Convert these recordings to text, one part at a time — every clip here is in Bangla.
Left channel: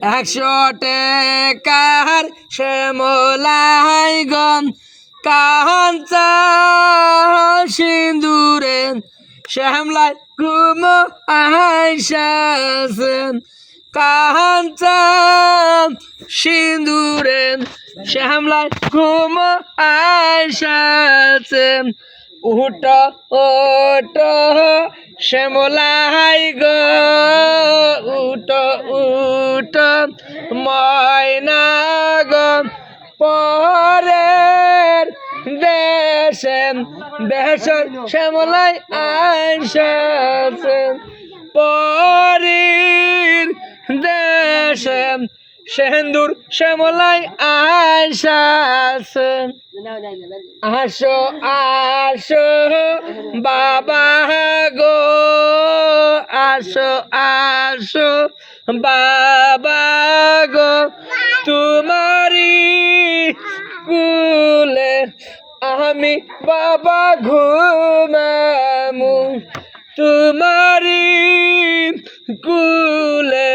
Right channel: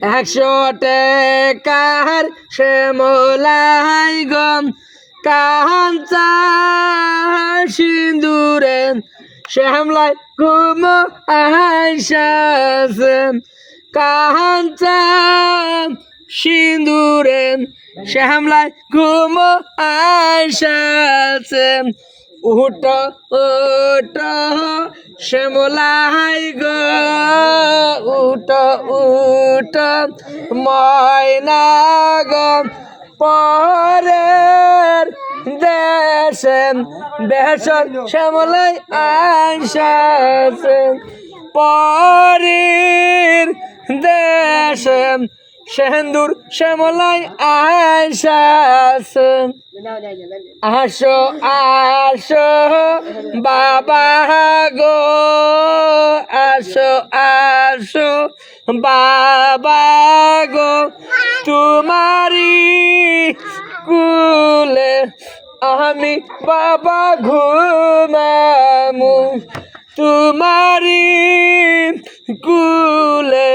100 টাকার শ্যামলাই গম কাঞ্চা সিন্দুরে শ্যামলাই ঘুম আইসাছে কাঞ্চা সিন্দুরে শ্যামলাই ঘুম আইসাছে উঠ উঠ শ্যামলাই গো উঠ উঠ ময়না গো পরের দেশে বেশর শ্যামলাই আইসাছে পরের দেশে সেন্দুর শ্যামলাই আইসাছে আসো আসো বাবা গো আসো আসো বাবা গো তোমারি কুলে আমি বাবা ঘুমামু তোমারি কুলে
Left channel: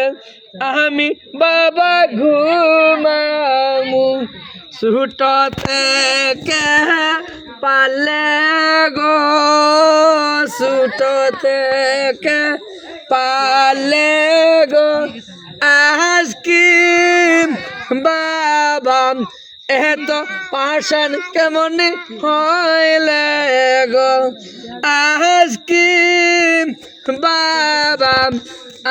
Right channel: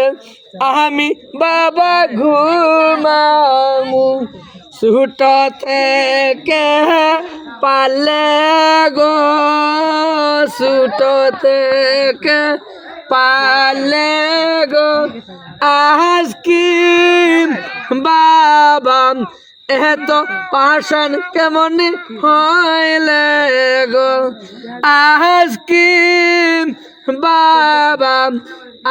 আমি বাবা ঘুমামু ছুট থেকে পালে গো ছুট থেকে পালে গো আজকে বাবা এত পাশান কেমন হইলে গো আজকে বাবা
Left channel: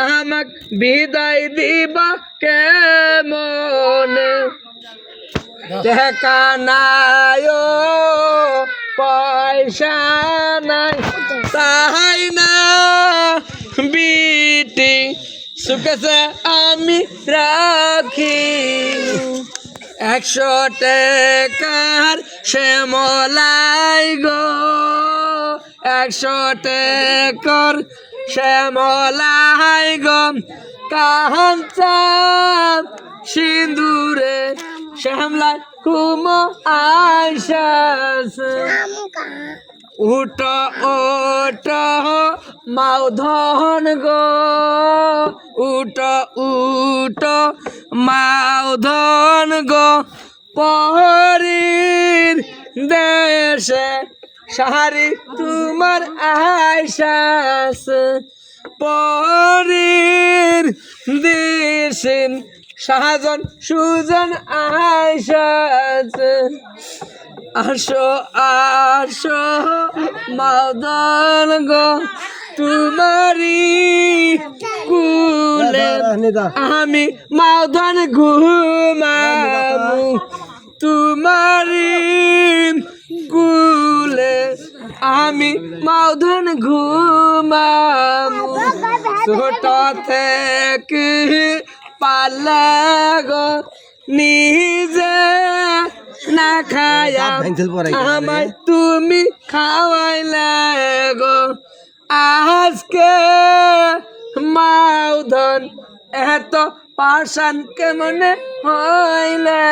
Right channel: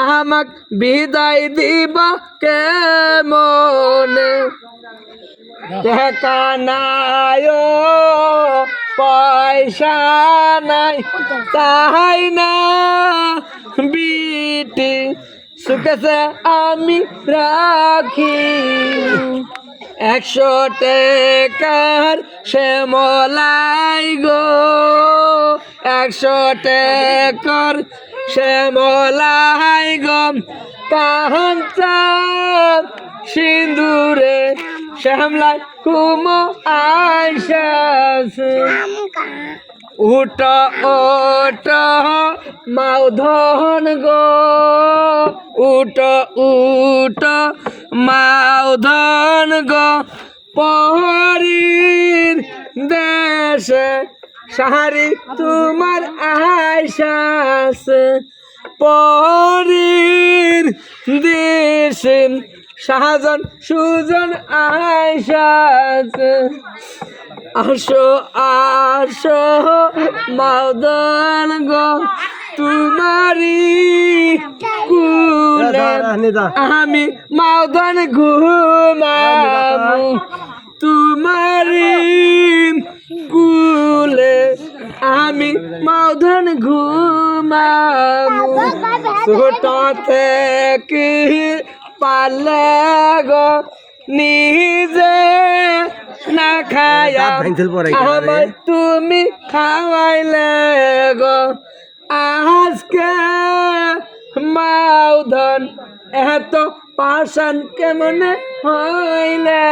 আমাক বিদায় দিবা কেমনে টাকা নাই পয়সা নাই তাই না বিটি সুখেছে আমি রাখি 100 টাকার শ্যামলাই গো 100 টাকার শ্যামলাই গো কাঞ্চা সিন্দুরে শ্যামলাই ঘুম আইসাছে উঠ উঠ মাউধন গো উঠ উঠ মাউধন গো পহরির দেশে সাহারি তোমার আইসাছে পহরির দেশে শাহজন সুজন আইসাছে আসো আসো মাউদন গো তোমারি কুলে আমি মাউদন ঘুমাবো তোমারি কুলে আমি মাউদন ঘুমাবো ছোট থেকে পালে গো নিজে না খায়া আমায় তুমি খাওয়াইলে গো আজকে মাউধন এত পাশান কেমন হইলে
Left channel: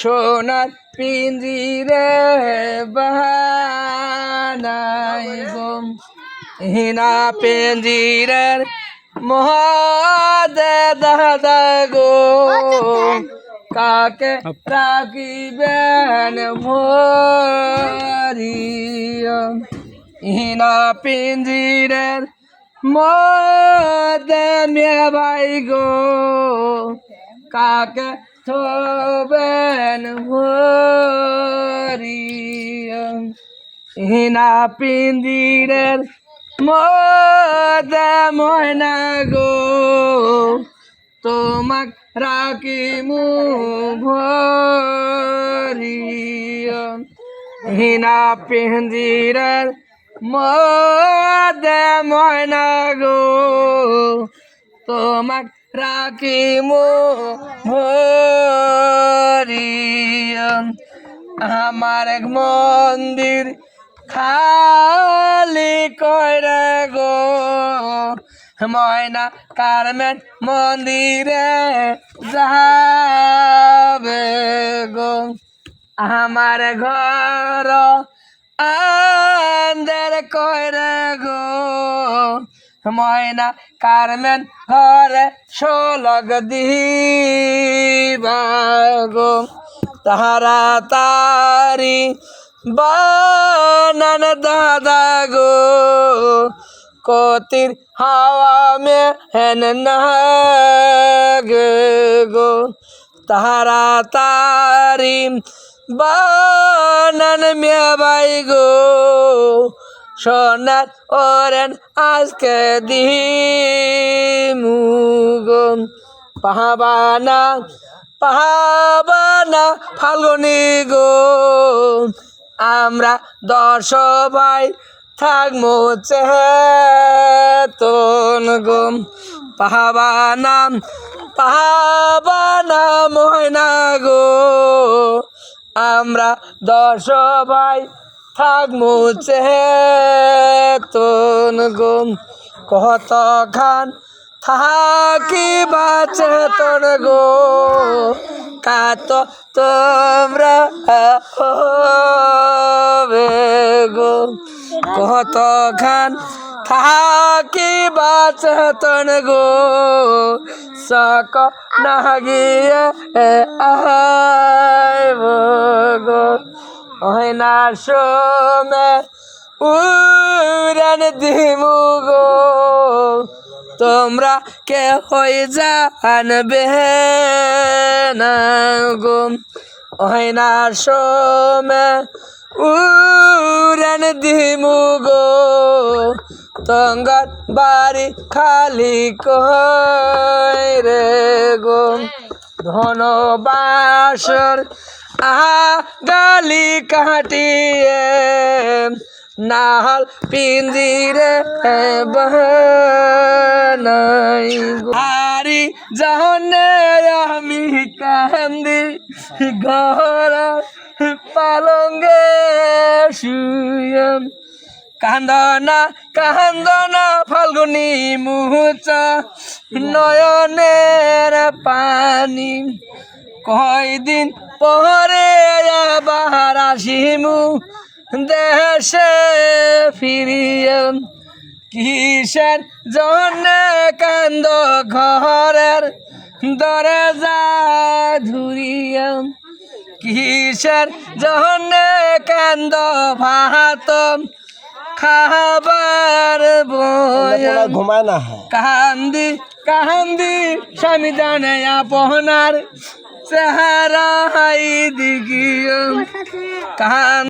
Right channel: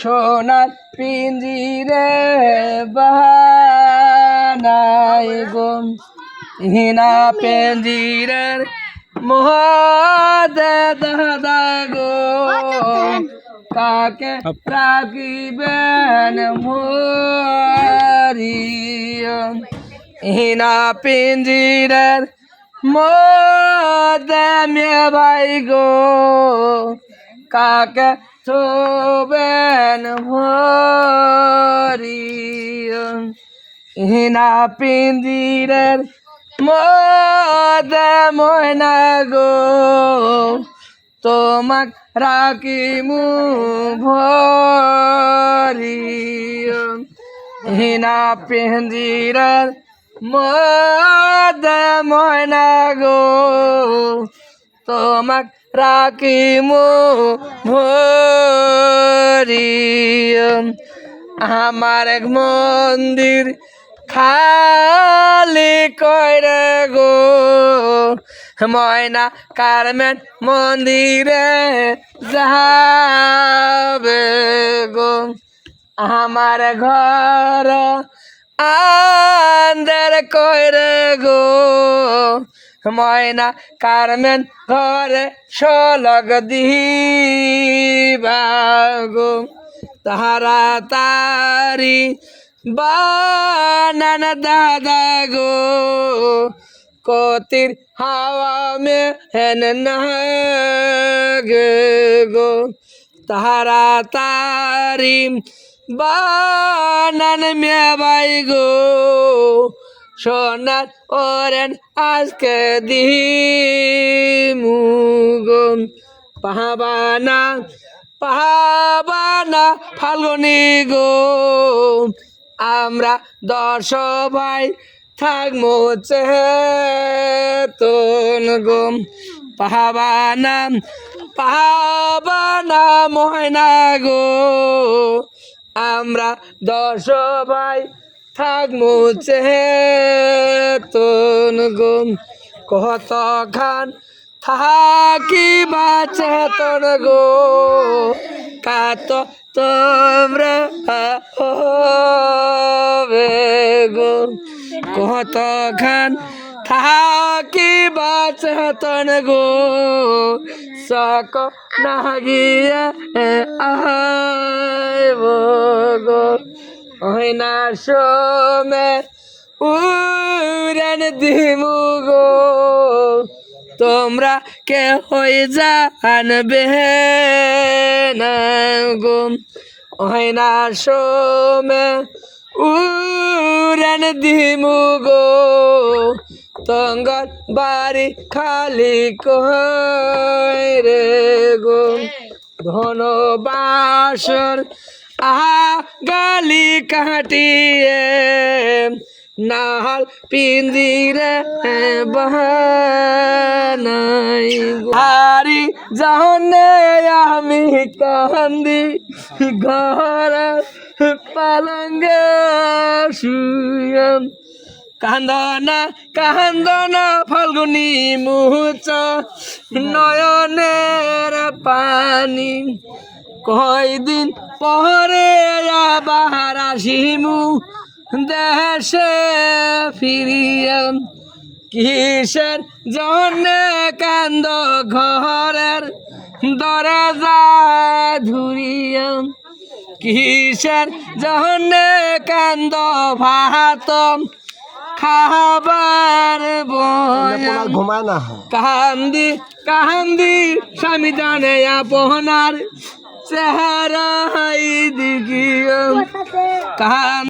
সোনার পিঞ্জিরে বানাই গো হিনা পিঞ্জিরের মহাদে দাদা গো কাকে রাখিবেন ভরিয়া হিনা পিঞ্জিরের মদে মে ভাই গো কাকে থবেন ভরিয়া হিনা পিঞ্জিরের মদে ময়না গো তোমাক রাখিমু ভরিয়া হিনা পিঞ্জিরার মদে ময়না গো তোমাক রাখিমু ভরিয়া আমার এক মন্দির খালি কইরে গো ময়না কারমেন মন্দিরে যাবে গো আমার ঘর আন্দার কইরে গো ময়না কারমেন ঘরে শোলক দিবা গো তাহারা তারি বানান দাদা গো কতির হাওয়া মে হেন নাগে গো তাহারা তারি বানান মে বাই গো সোনার ওরেন আজকে দিমু গো পাহাবানা পাহাবানা ফাল্গুনি গো আমরা 10 ভাই থাকবো চেতন গো পাহাবানা পাহাবানা ময়না গো আমরা 10 ভাই থাকবো চেতন গো কত খান থাকিবা চেতন গো কাত তোমরা হবে গো কত খান থাকিবা চেতন গো সক নাগিয়া আইব গো না সোমে উড়ান দিমু গো তোমরা কে হয়ে জানবে না গো না সোমে উড়ান দিমু গো তঙ্গার বাড়ি খালি কইরে গো ধনবাসর গালি কাটিয়ে নাহাল পিঞ্জিরে বানাই হারি জানে আমি কান্দি ঘরা পালঙ্গে শুয়ে কান্দনা ফাল্গুনি মুহূর্ত নয়নের পানি কয়দিন পরে আবার আসিমু দেশে ফিরিয়া কিসের জন্যে কান্দ ঘরের দরজা ধুরিয়া কিসের জন্যে কান্দ ভাত খাবার ঘুমায় না কান্দি কান্দি স্বামী জানে আপনার চেহারা দিগিয়া কান